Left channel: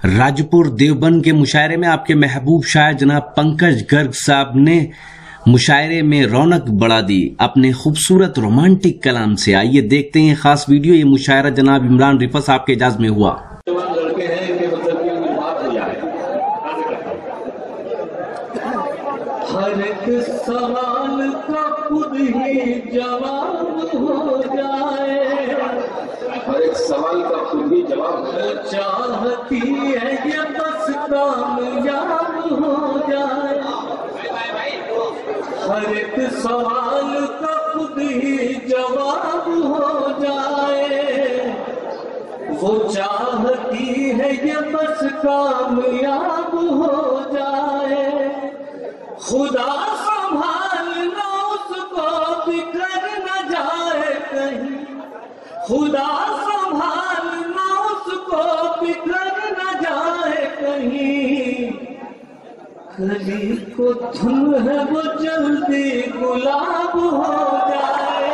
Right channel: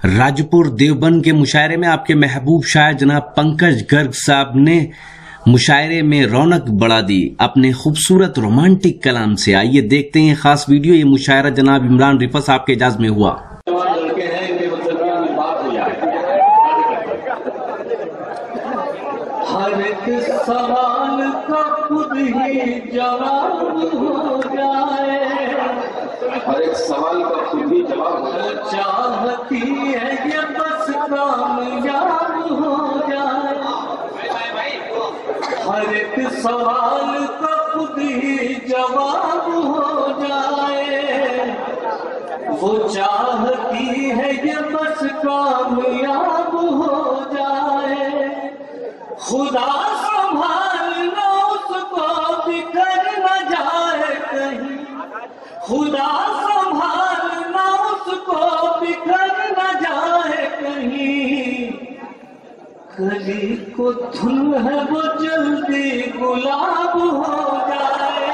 राजपुर देवबंद के मुशायरे में आपके महबूब शायर जनाब पंकज गर्ग साहब ने मुशायरे में रौनक बढ़ा दी अपने खूबसूरत रोमांटिक कलाम से। आइए देखते हैं खास वीडियो। ये मुशायरा जनाब इमरान रिफत साहब के एजाज में हुआ। हर एक सवाल का खुद ही जवाब हो जाए, हर एक सवाल का खुद ही जवाब चाहती है ये बस कामयाब हो जाए। हर एक सवाल का खुद ही जवाब हो जाए, वो चाहती है ये बस कामयाब हो जाए। खुदा संभालना उसको बिखर न जाए कहीं, खुदा संभालना उसको बिखर न जाए कहीं। कली को धुन है वो जल्दी गुलाब हो जाए,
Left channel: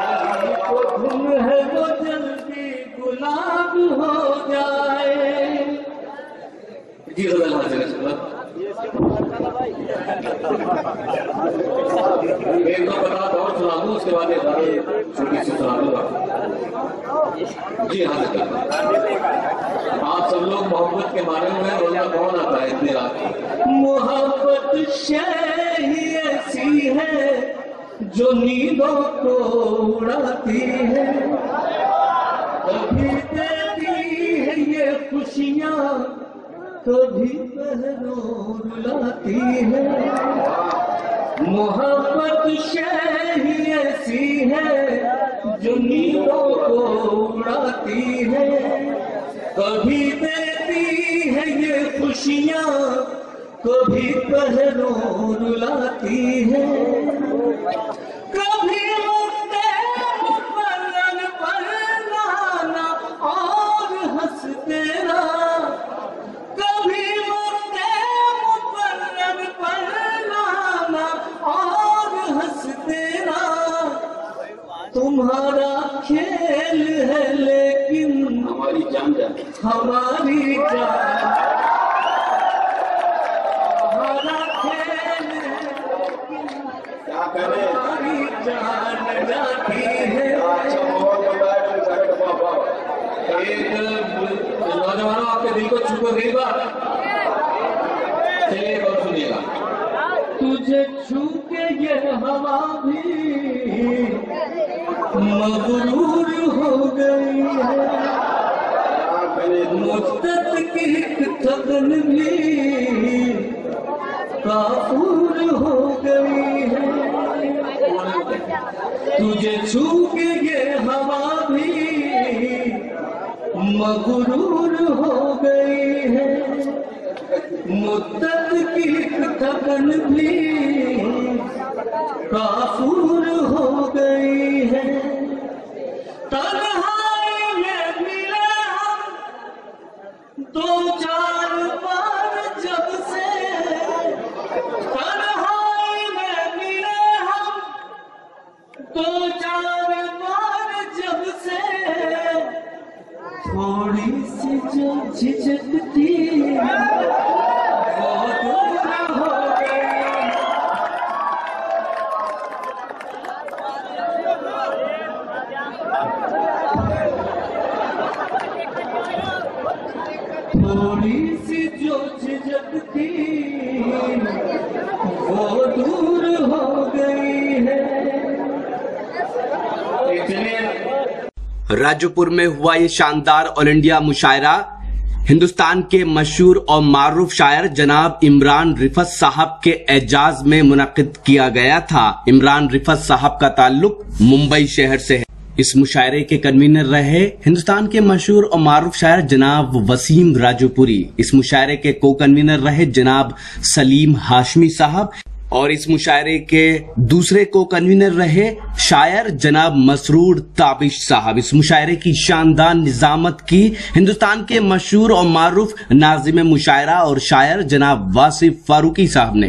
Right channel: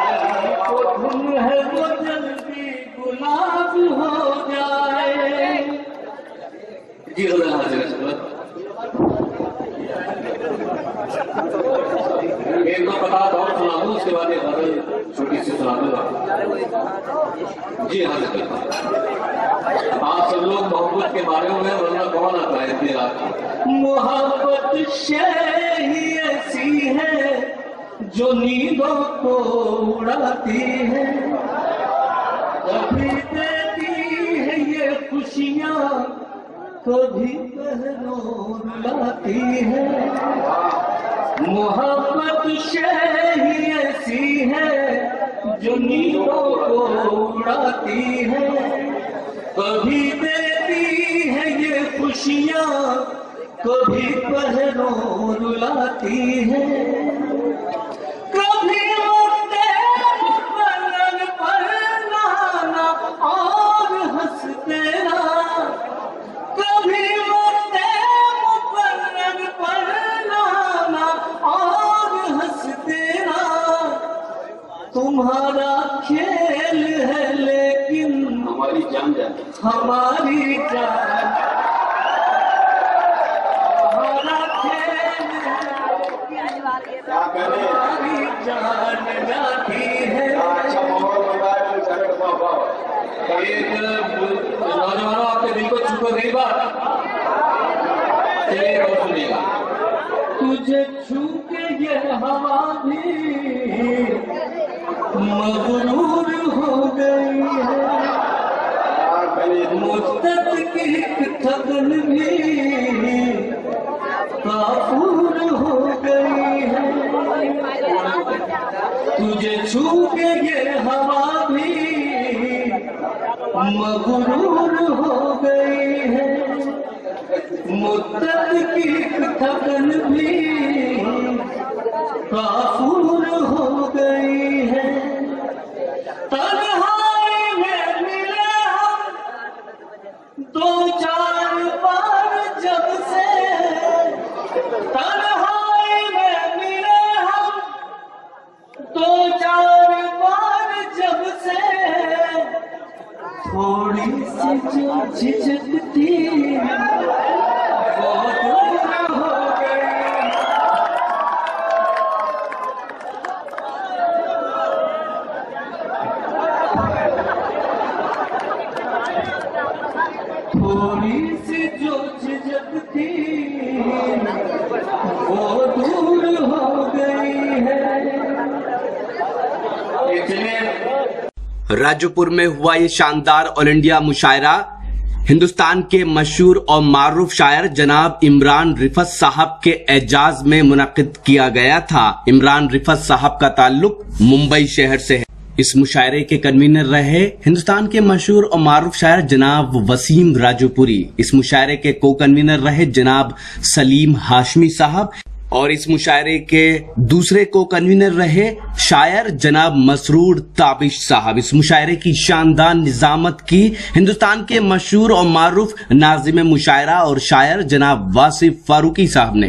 कली को धुन है वो जल्दी गुलाब हो जाए। जी एक दो बता और सुना दूं, उसके बाद एक छोटी सी सुना दूंगा। जी हाँ, आप सब लोग मोहब्बत के बारे में वरना कौन आता है इतनी रात। मोहब्बत शय ही ऐसी है जो नींदों को उड़ाती है, कभी देती है ये खुशियाँ कभी पहरों रुलाती है। मोहब्बत शय ही ऐसी है जो नींदों को उड़ाती है, कभी देती है ये खुशियाँ कभी पहरों रुलाती है। कभी मरते मुकर्रर पर नाना और हंसते ना, कभी मरते मुकर्रर पर नाना और हंसते ना। तुम्हारा खेल है लेकिन हमारी जान जाती, हमारी जान, हमारा खेल है क्या करें, हमारी जान जाती है। अच्छा माहौल बन रहा है, एक नौजवानों आपके दिल को छू गई बात, चलिए और सुनिएगा। तुझे छू के ये हवा भी मगरूर हो गई है, मुद्दत की थकन भी काफूर हो गई है। तुझे छू के ये हवा भी मगरूर हो गई है, मुद्दत की थकन भी काफूर हो गई है। तन्हाई में मिले हम दो चार बार जब से, तन्हाई में मिले हम दो चार बार जब से। थोड़ी सी जो झिझकती वो दूर हो गई, थोड़ी सी जो झिझकती वो दूर हो गई है। राजपुर में हुआ ये शानदार ऑल इंडिया मुशायरा हिंदुस्तान के मशहूर और मारूफ शायर जनाब इमरान रिफत साहब के एजाज में मुनक्किद किया गया था। इमरान रिफत साहब का ताल्लुक मुंबई शहर से है। इस मुशायरे के कन्वीनर रहे हिंदुस्तान के मशहूर और मारूफ शायर जनाब वसीम राजपुरी। इस मुशायरे के को कन्वीनर रहे जनाब सलीम हाशमी साहब और इस मुशायरे के दूसरे को कन्वीनर रहे शायर जनाब मसरूर ताबिश साहब। इस मुशायरे की शानदार निजामत की हिंदुस्तान के मशहूर और मारूफ नाज़िम मुशायरा और शायर जनाब वासिफ फारूकी साहब ने।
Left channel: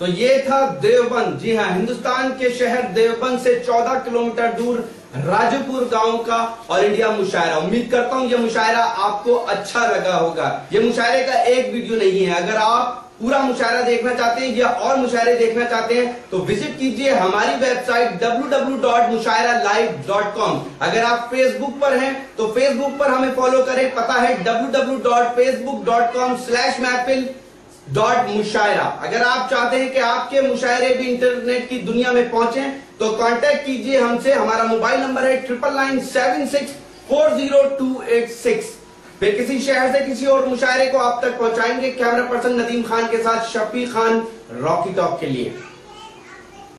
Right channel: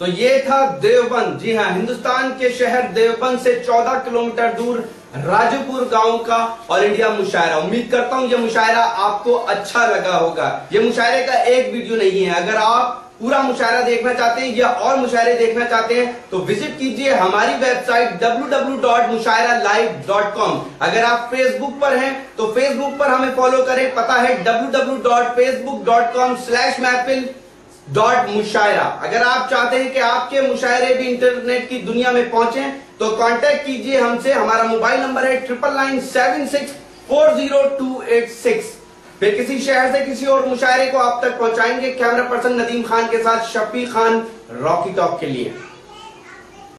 तो ये था देवबंद। जी हाँ, हिंदुस्तान के शहर देवबंद से 14 किलोमीटर दूर राजूपुर गांव का ऑल इंडिया मुशायरा। उम्मीद करता हूं यह मुशायरा आपको अच्छा लगा होगा। यह मुशायरे का एक वीडियो नहीं है। अगर आप पूरा मुशायरा देखना चाहते हैं या और मुशायरे देखना चाहते हैं तो विजिट कीजिए हमारी वेबसाइट www.mushairalive.com। अगर आप फेसबुक पर हैं तो फेसबुक पर हमें फॉलो करें, पता है www.facebook.com/महफिल.मुशायरा। अगर आप चाहते हैं कि आपके मुशायरे भी इंटरनेट की दुनिया में पहुंचे तो कांटेक्ट कीजिए हमसे। हमारा मोबाइल नंबर है 9997640286। फिर किसी शहर से किसी और मुशायरे को आप तक पहुंचाएंगे कैमरा पर्सन नदीम खान के साथ शफी खान रॉकी टॉक के लिए।